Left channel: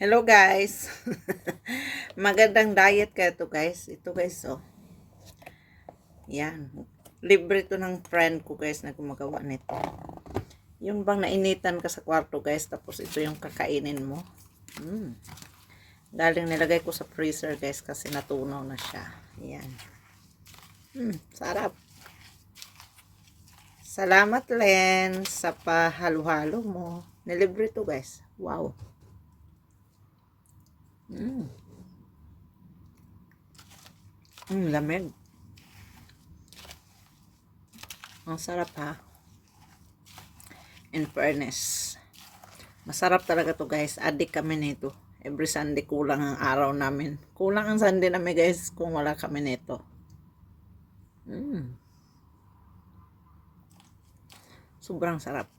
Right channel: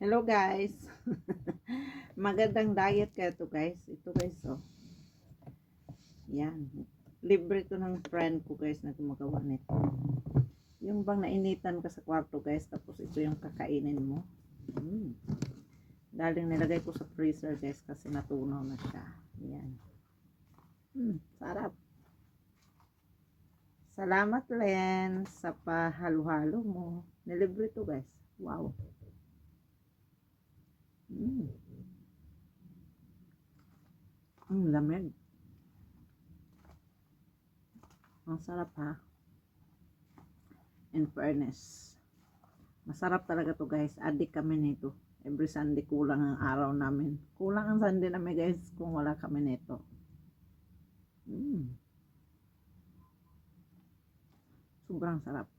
Hello guys. Magandang diet ka to guys. Ito guys oh. Yan. Libre to ng friend ko guys na gumagawa nito. Yung bang nainitan ka sa kwarto guys tapos ito yung kakainin mo. Galing nilagay ko sa freezer guys kasi natunaw na siya. Yan. Sarap. Salamat Len sa pahalo-halo mo. Nilibre to guys. Wow. Lamig. Ang sarap ha. In fairness. Masarap talaga to guys. Adik kami nito. Every Sunday kulang ang araw namin. Kulang ang Sunday namin guys kung wala kami nito. Sobrang sarap.